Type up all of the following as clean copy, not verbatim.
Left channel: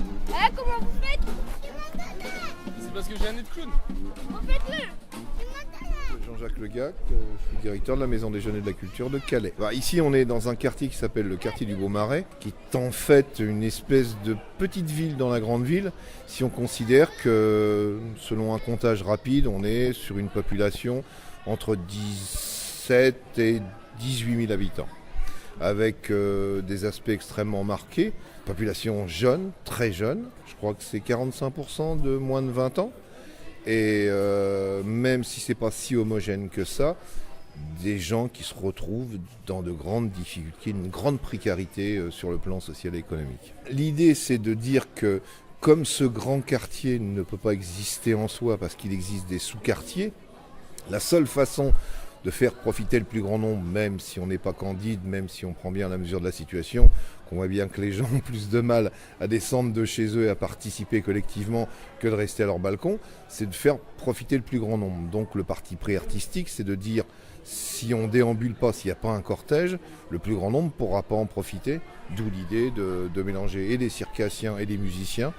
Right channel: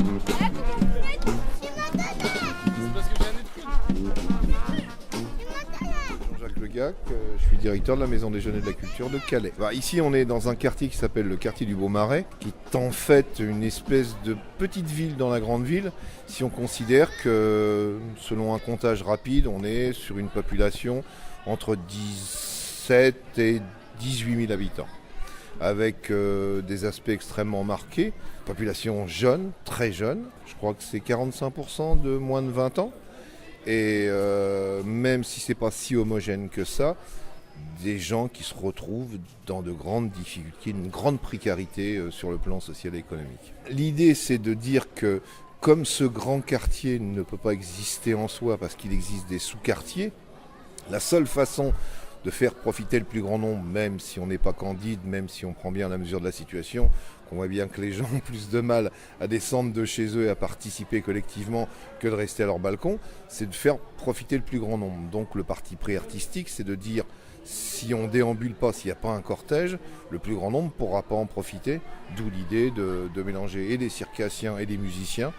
Ah, comment vous faites? C'est parce que j'ai un nez de clown. Jean-Jacques Legac, je suis directeur de la Maison Déjeuner de la Culture de Calais. Ici, on est dans un quartier qui s'appelle le quartier du Beaumarais, qui est en fait une espèce de petite ville dans la grande ville, si on considère que, selon un comptage rapide, on est sur une population entre 17 et 18 000 habitants, avec des aspects extrêmement marqués. Population jeune, très jeune, je crois que c'est 45% de moins de 20 ans. Et même si ce n'est pas si homogène que ça, des gens qui se retrouvent dans de grandes difficultés, une grande précarité sur le plan social et économique. L'idée, c'est de dire que comme ce grand quartier ne peut pas exister en soi parce qu'il existe des sous-quartiers, la seule façon de faire profiter le plus grand nombre, même si on n'est pas candide, même si on prend bien la mesure de la situation, qu'on voit bien que les gens ont plus de mal à descendre de chez eux et à participer collectivement que de rester à leur balcon, c'est de faire profiter le plus grand nombre. Donc le parti pris artistique, c'est de dire, si on déambule pas, s'il n'y a pas un cortège, le plus grand nombre ne pourra pas en profiter, d'où l'idée de mélanger et des circassiens et des musiciens,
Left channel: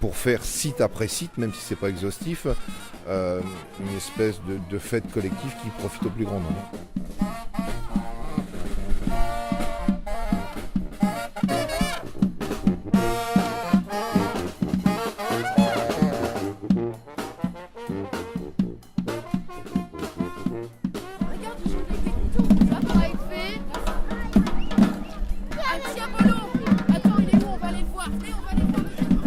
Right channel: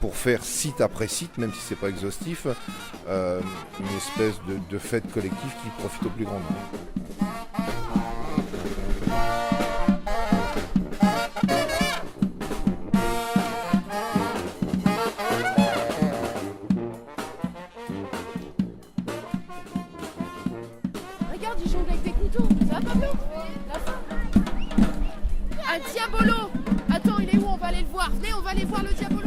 pour faire site après site, même si ce n'est pas exhaustif, une espèce de fête collective qui profite au plus grand nombre. Regarde, ils jonglent avec des couteaux. Ça va être fait. Un diabolo. Attends, il est où? On va aller le voir. Venez, on va aller voir le diabolo.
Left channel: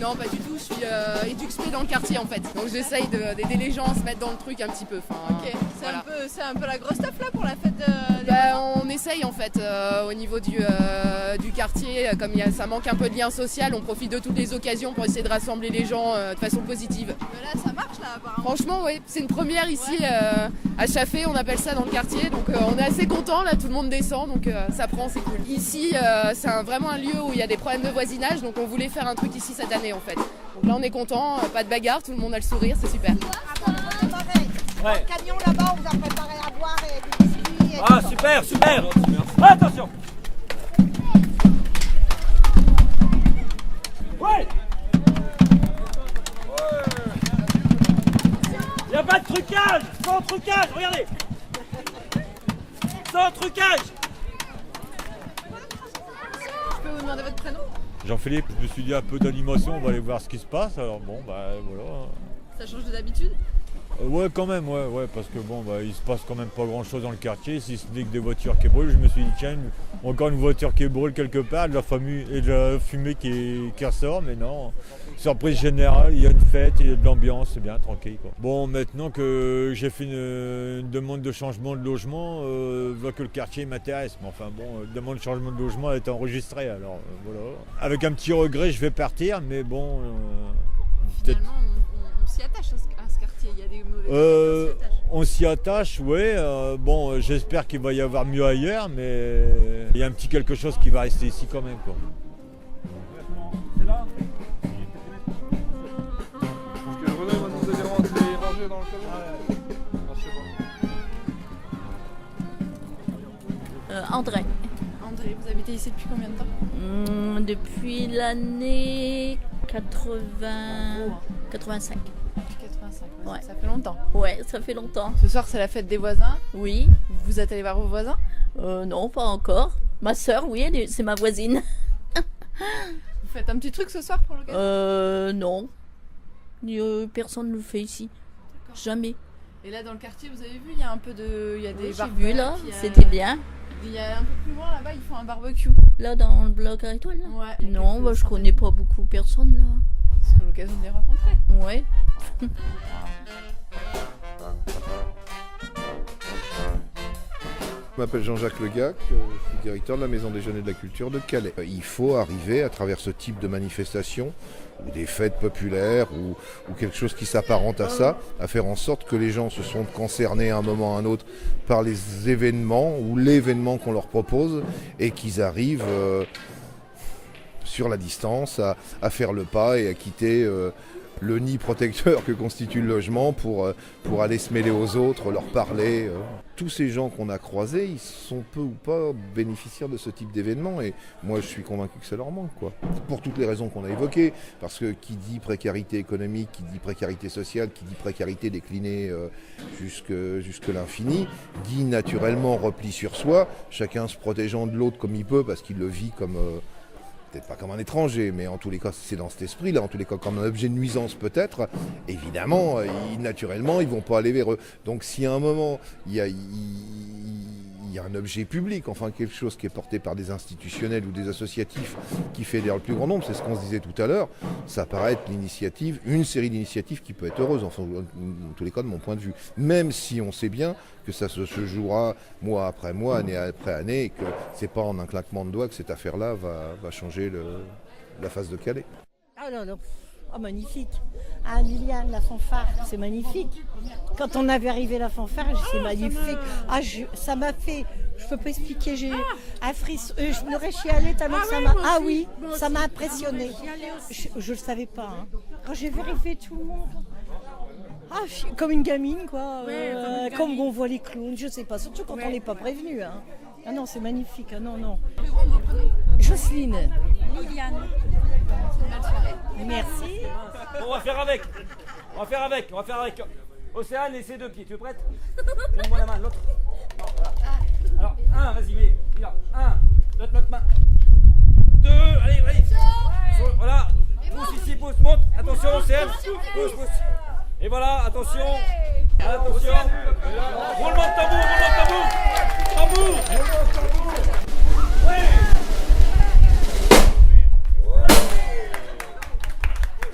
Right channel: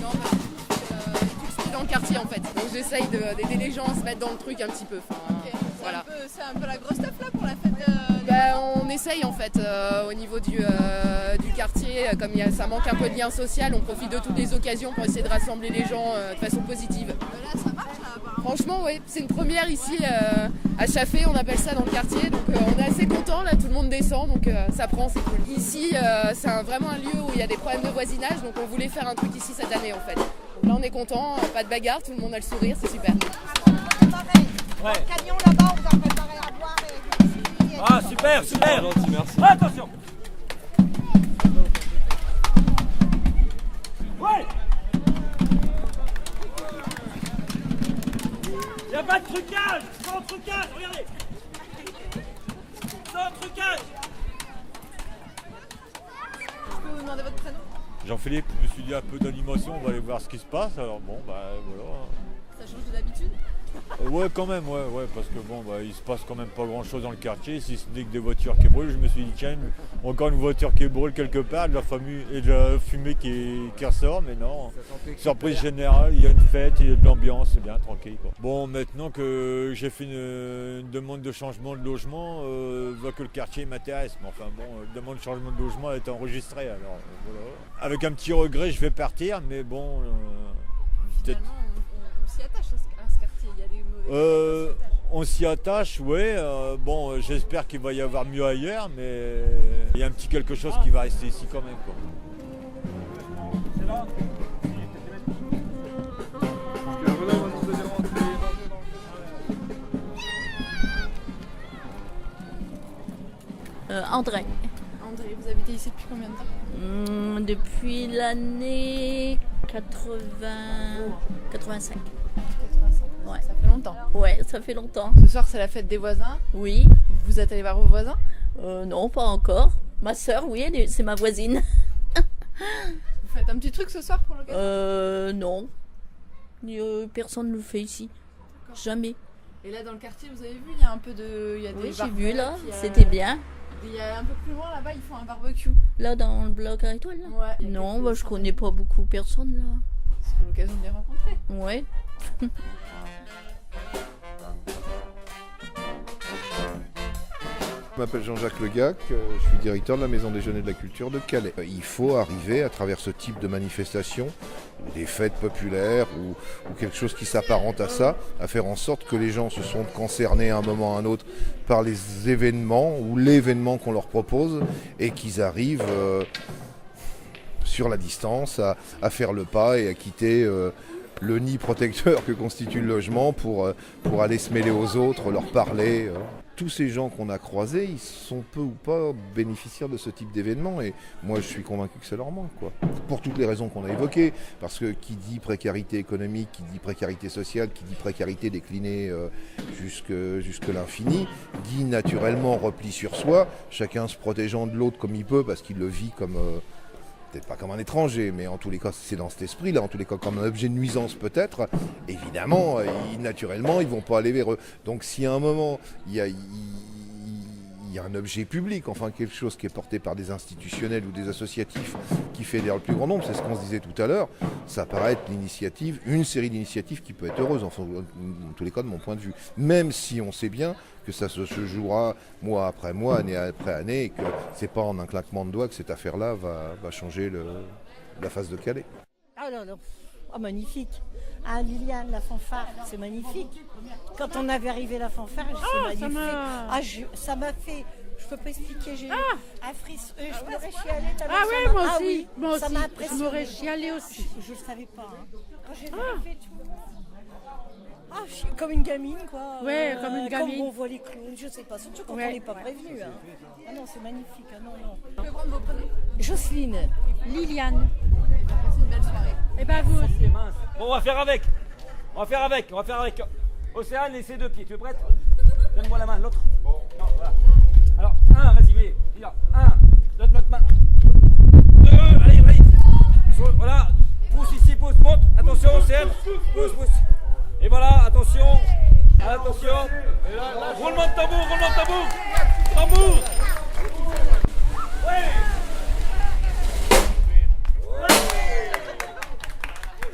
Non, pas du tout, je suis éduxée dans le quartier en fait. Donc j'essaye d'aider les gens à se mettre dans le truc un petit peu. Ok, voilà. C'est un peu la grosse taf là pour la fête On essaye en fait au niveau du quartier, comme ça manque un peu de lien social, on profite de toutes les occasions pour essayer de rassembler les gens de façon positive. Mais là, ça marche là apparemment. Franchement, oui, c'est une première ici à Chaffé, on appelle ça dans le quartier, donc on est assez content là, tout le monde descend, donc ça prend, c'est cool. Ici, c'est vraiment un lieu où il y a des problèmes de voisinage, donc on voulait faire un truc ici cette année en fait. Donc là, on est content, pas de bagarre, tout le monde a le sourire, c'est super. Pareil. Dans le camion là-bas, on vous a préparé à boire et des biscuits. Et Ah, super, super. Attention. Ouais. Y a pas de trucage. Sans trucage, regardez. Sans trucage. Je peux vous demander votre prénom? Jean-Philippe, je me suis dit un peu d'animation, on va aller voir ce qui se passe, alors bon, voilà. Ça change de d'habitude? Ouais, quand même, ouais, parce que bon, il se passe quand même pas grand-chose dans le quartier, si ce n'est que des voitures qui brûlent. Je me suis dit, tiens, encore une voiture qui brûle quelque part, de la fumée qui ressort, mais non. Surprise générale, il y a une fête, il y a de l'ambiance, c'est bien, tranquille, quoi. Bon, maintenant que j'ai fait une demande de changement de logement, je vois que le quartier m'intéresse, mais enfin bon, demande de changement de logement est enregistrée, alors voilà. Avec un petit regret, je vais partir, mais bon, peut-être... Finalement, on s'y attache à ce quartier, il y a des mauvais on s'y attache, ouais. Bon, j'espère qu'il va y avoir mieux ailleurs, mais il y a un petit quelque chose qui va rester ici quand même, quoi. C'est là. Parce que Renaud va nous aider à rentrer et ranger dans le camion. André. André, vous habitez ici depuis combien de temps? Depuis l'année 85. 85. Ouais. Ça fait longtemps. Ouais, ça fait longtemps. Ce soir, c'est la fête des voisins. Oui. Vous êtes allé voir vos voisins? Non, pas encore. Ma sœur, oui, c'est ma voisine. Vous faites un petit truc ce soir pour l'occasion? Non. Personne ne le fait ici. Jamais. Et là, dans le quartier, vous avez vu, il y a un peu de... Il y a des Oui, j'ai barbecue, vu là, il y a- c'était bien. Il y a un peu plus loin, là-bas, ils font un barbecue. Là, dans le bloc à étoiles, là. Ouais. Il y a Non, quelques bah, je centaines. connais pas beaucoup personne là. C'est l'occasion de les rencontrer. Ouais. Je m'appelle Jean-Jacques Legac, je suis directeur de la Maison Déjeuner de la Culture de Calais. Il faut arriver à travers ce type de manifestation, ou des fêtes populaires, ou quelque chose qui s'apparente à ça, à faire en sorte que les gens se sentent concernés à un moment ou à un autre par les événements ou l'événement qu'on leur propose et qu'ils arrivent sur la distance à faire le pas et à quitter le nid protecteur que constitue le logement pour aller se mêler aux autres, leur parler. Tous ces gens qu'on a croisés, ils sont peu ou pas bénéficiaires de ce type d'événement et moi je suis convaincu que ça leur manque, quoi. Pour toutes les raisons qu'on a évoquées, parce que qui dit précarité économique, qui dit précarité sociale, qui dit précarité déclinée jusque l'infini, dit naturellement repli sur soi, chacun se protégeant de l'autre comme il peut parce qu'il le vit comme... peut-être pas comme un étranger, mais en tous les cas, c'est dans cet esprit-là, en tous les cas, comme un objet de nuisance peut-être, évidemment, naturellement, ils vont pas aller vers eux. Donc si à un moment, il y a un objet public, enfin quelque chose qui est porté par des institutionnels ou des associatifs qui fédèrent le plus grand nombre, c'est ce qu'on se disait tout à l'heure, ça paraît être une série d'initiatives qui peut être heureuse, enfin, en tous les cas de mon point de vue. Même si on sait bien que ça se jouera mois après mois, année après année, et que c'est pas en un claquement de doigts que cette affaire-là va changer la face de Calais. Ah non, non. Oh, magnifique. Ah, Liliane, la fanfare, c'est magnifique. Quand on avait arrivé la fanfare, c'est magnifique. Ça m'a fait, je peux pas expliquer, j'ai un frisson. Je m'aurais chialé tellement oui, ça m'a impressionné. Je le savais pas. Hein. Quand j'ai vérifié tout le monde. Comme une gamine, quoi. Ouais, comme une gamine. Comme on voit les clowns, je sais pas. Surtout quand on n'est pas prévenu. Hein. Ah non, c'est magnifique. Ah non, non. Jocelyne. Liliane. Merci. Bon, on va faire avec. Océane et ses deux pieds. Tu es prête? Donne-moi la main, l'autre. Non, voilà. Alors, un, vas-y, mais. Un, donne notre main. Deux, allez. Voilà. Pousse ici, pousse, monte. Attention, Océane. Pousse. Et voilà, attention. Roulement de tambour. Tambour. Ouais.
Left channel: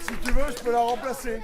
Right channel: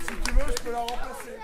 Si tu veux, je peux la remplacer.